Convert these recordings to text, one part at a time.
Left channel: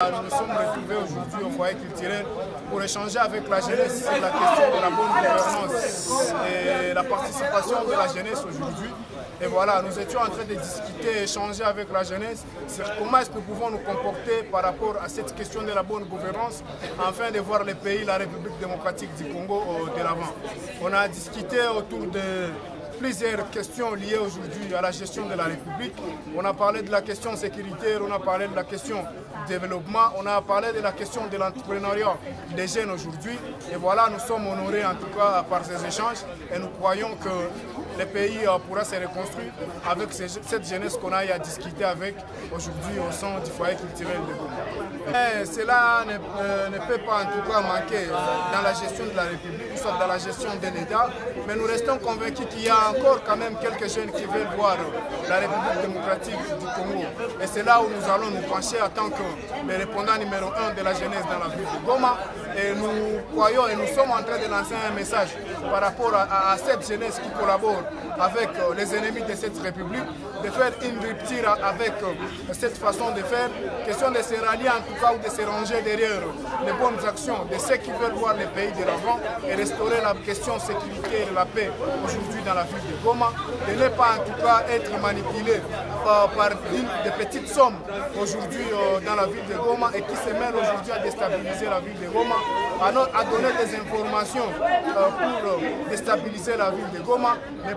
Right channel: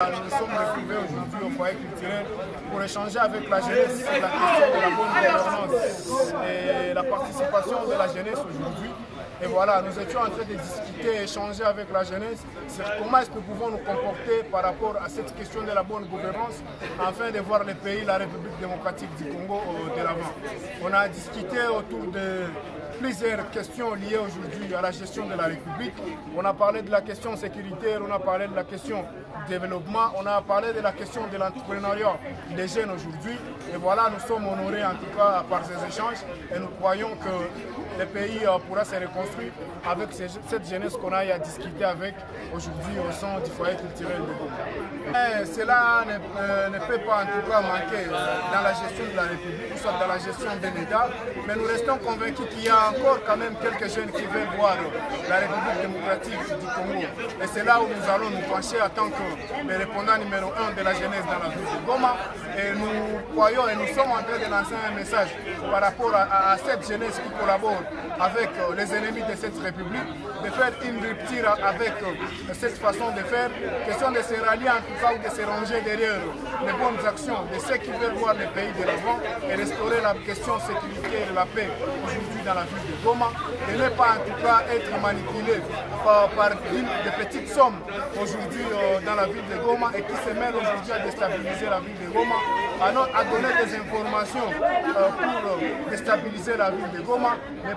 Nous sommes retrouvés aujourd'hui au foyer culturel pour échanger avec la jeunesse sur la question de la bonne gouvernance et la participation de la jeunesse aujourd'hui. Et voilà, nous étions en train de discuter, échanger avec la jeunesse sur comment est-ce que nous pouvons nous comporter par rapport à cette question de la bonne gouvernance afin de voir le pays, la République démocratique du Congo de l'avant. On a discuté autour de plusieurs questions liées aujourd'hui à la gestion de la République. On a parlé de la question sécuritaire, on a parlé de la question développement, on a parlé de la question de l'entrepreneuriat des jeunes aujourd'hui. Et voilà, nous sommes honorés en tout cas par ces échanges et nous croyons que le pays pourra se reconstruire avec cette jeunesse qu'on a eu à discuter avec aujourd'hui au sein du foyer culturel de Goma. Cela ne peut pas en tout cas manquer dans la gestion de la République, soit dans la gestion de l'État, mais nous restons convaincus qu'il y a encore quand même quelques jeunes qui veulent voir la République démocratique du Congo. Et c'est là où nous allons nous pencher en tant que le répondant numéro 1 de la jeunesse dans la ville de Goma. Et nous croyons et nous sommes en train de lancer un message par rapport à cette jeunesse qui collabore avec les ennemis de cette République, de faire une rupture avec cette façon de faire, question de se rallier en tout cas ou de se ranger derrière les bonnes actions de ceux qui veulent voir le pays de l'avant et restaurer la question sécurité et la paix aujourd'hui dans la ville de Goma, de ne pas en tout cas être manipulé par des petites sommes aujourd'hui dans la ville de Goma et qui se mêlent aujourd'hui à déstabiliser la ville de Goma, à donner des informations pour déstabiliser la ville de Goma, mais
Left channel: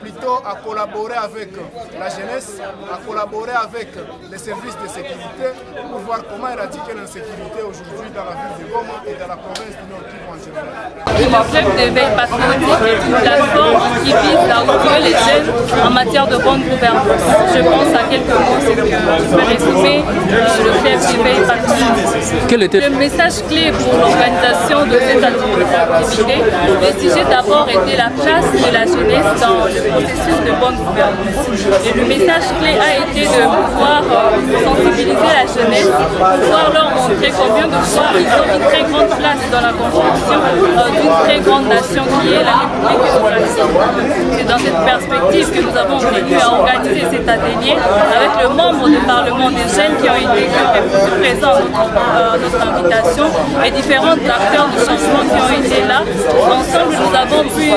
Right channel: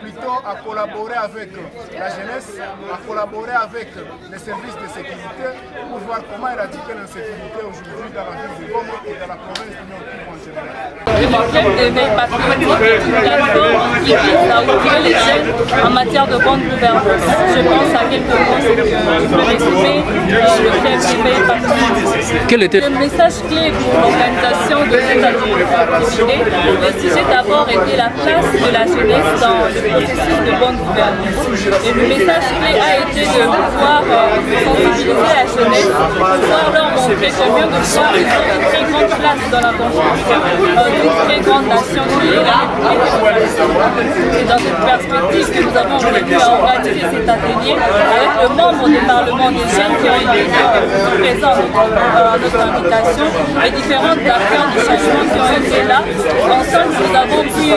plutôt à collaborer avec la jeunesse, à collaborer avec les services de sécurité pour voir comment éradiquer l'insécurité aujourd'hui dans la ville de Goma et dans la province du Nord Kivu en général. Le club d'éveil patriotique est une plateforme qui vise à ouvrir les jeunes en matière de bonne gouvernance. Je pense à quelques mots, c'est que je peux résumer le club d'éveil patriotique. Quel était le message clé pour l'organisation de cette activité? Le sujet d'abord était la place de la jeunesse dans le processus de bonne gouvernance. Et le message clé a été de pouvoir sensibiliser la jeunesse, pouvoir leur montrer combien de fois ils ont une très grande place dans la construction d'une très grande nation qui est la République démocratique. C'est dans cette perspective que nous avons voulu organiser cet atelier avec le membre du Parlement des jeunes qui ont répondu présents à notre invitation et différents acteurs du changement qui ont été là. Ensemble, nous avons pu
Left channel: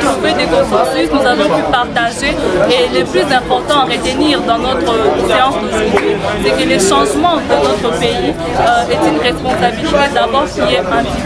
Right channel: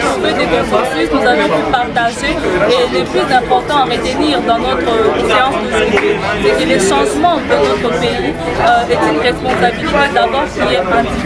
trouver des consensus, nous avons pu partager et le plus important à retenir dans notre séance d'aujourd'hui, c'est que les changements de notre pays est une responsabilité d'abord qui est individuelle.